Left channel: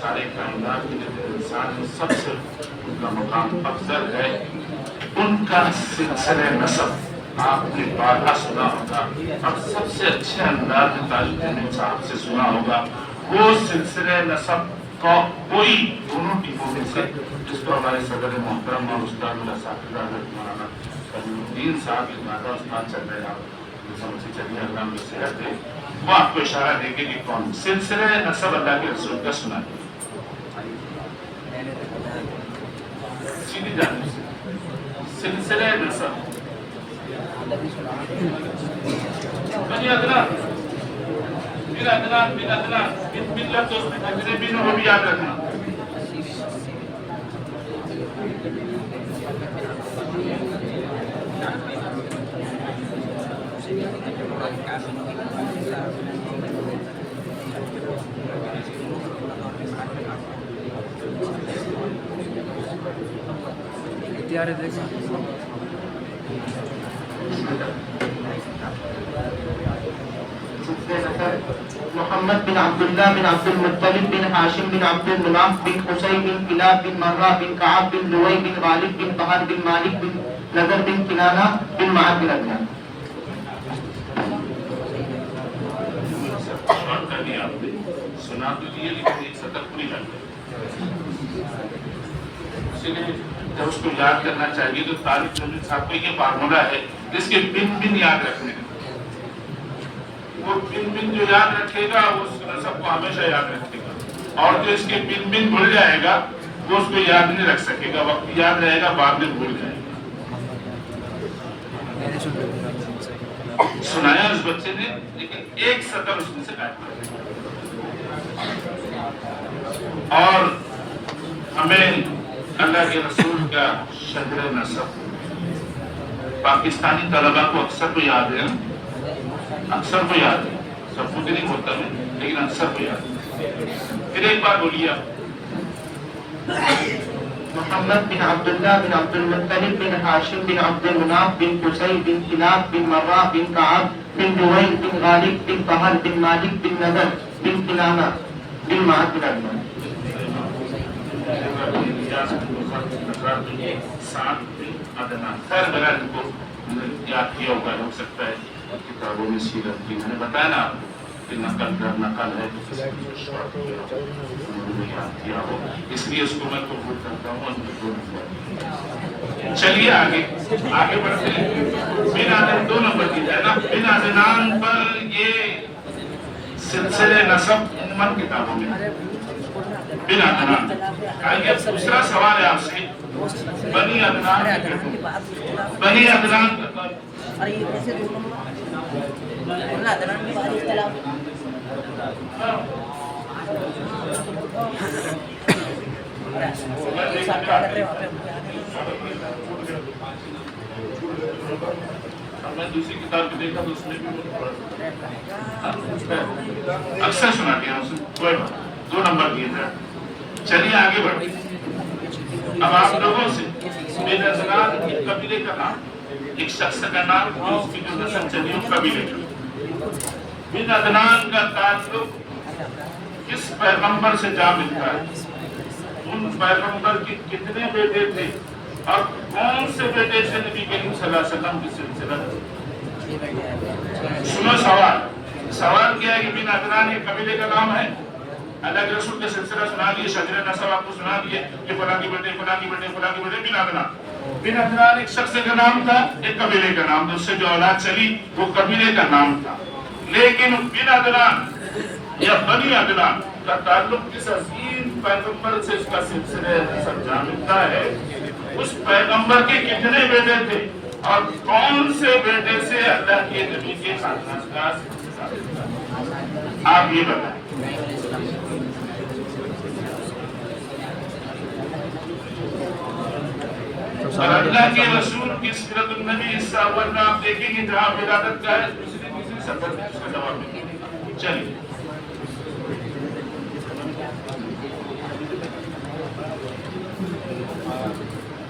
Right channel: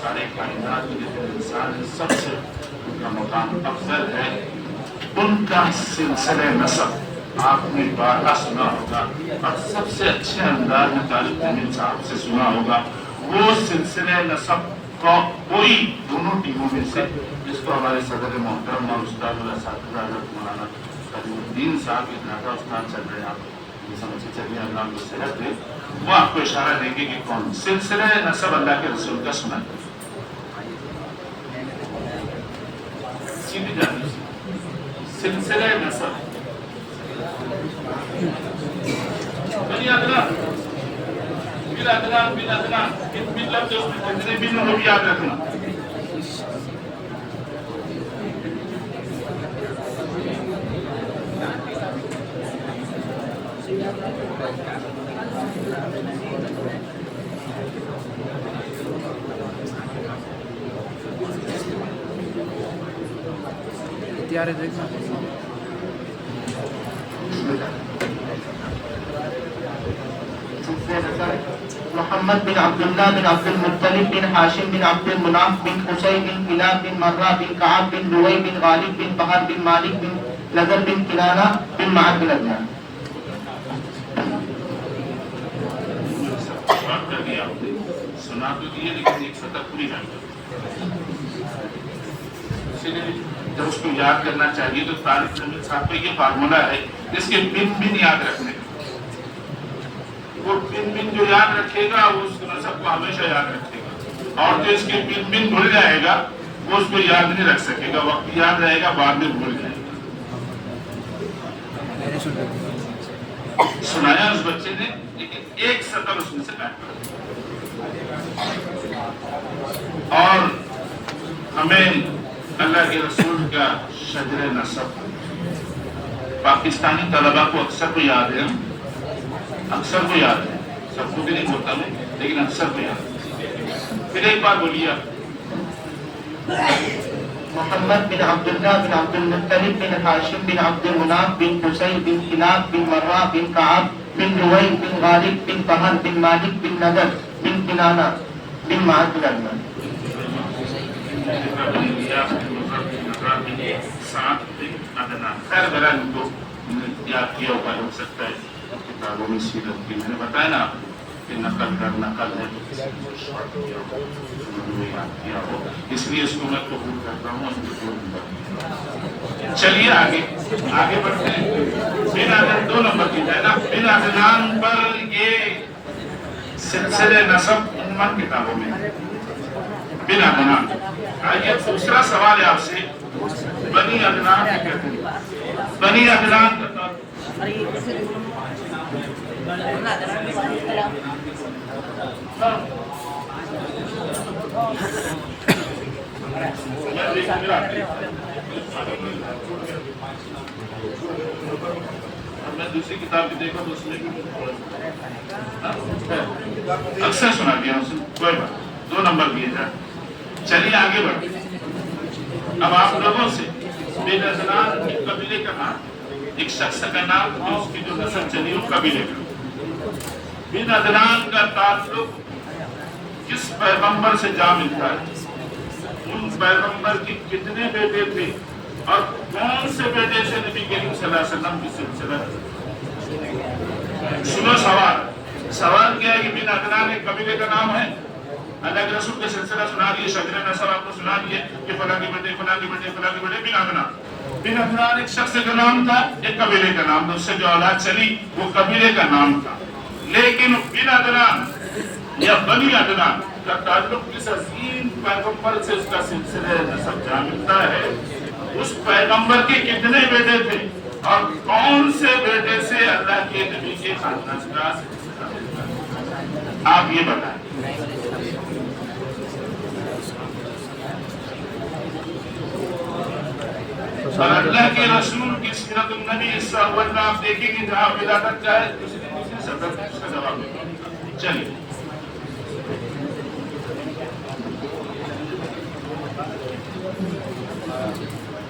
سارے کائنات کے جو انسان سب سے ان کا مقام افضل ہے، ان کا سلسلہ نسب آپ نے بارہا سنا ہوگا اور سب سے اچھے انداز میں طالب علم صاحب سے سنا ہوگا۔ وہ سلسلہ نسب کو کوئی دونوں ٹیموں میں سے جس کو ہمارے صدر محترم اور استاد الاساتذہ مولانا کریم الدین صاحب کے دادا استاد چل رہے ہیں، آپ سمجھے چلیے نام کو صحت دے، وہ آپ کو اشارہ دیں گے کہ کون سلسلہ نسب اللہ کے رسول کا سنا ہے۔ سیدھی جانب سلسلہ نسب بنی عدنان بن عدنان بن عدنان بن لفظ اس میں جتنے بن وہ بھی یاد رکھنا۔ تیار ہے دیکھنا۔ محمد بن عبداللہ بن عبد المطلب بن ہاشم بن عبد المناف بن قصی بن کلاب بن مرہ بن کعب بن لؤی بن غالب بن فہد بن مالک بن نضر بن کنانہ بن معد بن عدنان۔ سنا تو دیے لیکن ایک سطح پوری کر دیں، اسی لیے جب اس کو یاد کرنا چاہیے تو طالب علم صاحب کا یہ فارمولا ہے جس کے بن بن یاد رکھنے کا، وہ بن بن جو یاد رکھے گا وہ اس نسب کو ہمیشہ یاد رکھے گا، اور جو اس کے بن بن بھول جائے گا وہ اس کو یاد نہیں رکھ سکے گا، وقت یاد رہے گا بعد میں بھول جائے گا۔ سنایا اس بچے نے لیکن ایک سطر اس میں سے غائب کر دیا۔ اور ہمیں اللہ کے رسول کا شجر نسب پاکستانی طلباء کو اکثر کو یاد ہے، اکثر کو یاد ہے، سب کو بھی نہیں ہوتا میں لیکن اکثر کو یاد ہے۔ پھر ایک بار بولیے محمد بن عبداللہ بن عبد المطلب بن ہاشم بن عبد المناف بن قصی بن کلاب بن مرہ بن کعب بن لؤی بن غالب بن فہد بن مالک بن نضر بن کنانہ بن معد بن عدنان۔ خیر میرا ان کو یاد کیا ہوا ہو سکتا ہے کتابوں میں سیرت کی، میں نے بتایا نا کہ نقل در نقل ہے، یاد کیا ہو اس لیے اس کو میں قبول کرتا ہوں۔ چلیے آگے آگے بڑھتے ہیں۔ بن عدنان 2 نمبر کی جائے نا، بن عدنان پر یہ سلسلے نسب عموماً کتابوں میں بن عدنان۔ آئیے دوسرا سوال ہے آپ سے، بنی عدنان کہتے ہیں، بنی عدنان کا میں دوسری کتاب بھی دیکھا تو اس میں بھی اکثر سنا دیا اس نے، 2 نمبر دیے جائے۔ چلیے آگے بڑھتے ہیں۔ اب آپ لوگوں سے بن عدنان ایک قبیلے کا نام، ایک شخص کا نام جو اس کی جو نسل چلی وہ قبیلے کا۔ بن عدنان کا تعلق کس پیغمبر سے جا ملتا ہے، ان پیغمبر کی کتنے بیٹے تھے اور کون سے بیٹے سے نبی کریم صلی اللہ علیہ وسلم کی سلسلہ۔ سنو سوال کیا ہے کہ بن عدنان کے قبیلے کا نام ہے، اللہ کے رسول کے سلسلہ سنا دیے، شجر نسب آپ کو سنا دیے کہ فلاں کے بیٹے فلاں کے بیٹے فلاں کے بیٹے۔ بن عدنان ایک شخص کا نام تھا، ایک قبیلے کا نام تھا، اس سے جو اولاد چلی وہ قبیلے کا نام تھا، لیکن بن عدنان یا بنی عدنان کا تعلق کس عظیم پیغمبر سے اس کا سلسلہ نسب جا ملتا ہے، اس پیغمبر کے کتنے بیٹے تھے اور کون سے بیٹے سے اللہ کے نبی کے خاندان کا سلسلہ، آپ یہ بتائیں۔ اور اللہ کے رسول کی سیرت النبی اس اول میں آپ دیکھیں گے جہاں ولادت کا ہے، دوسری سطح اس کا جواب دیں۔ چلیے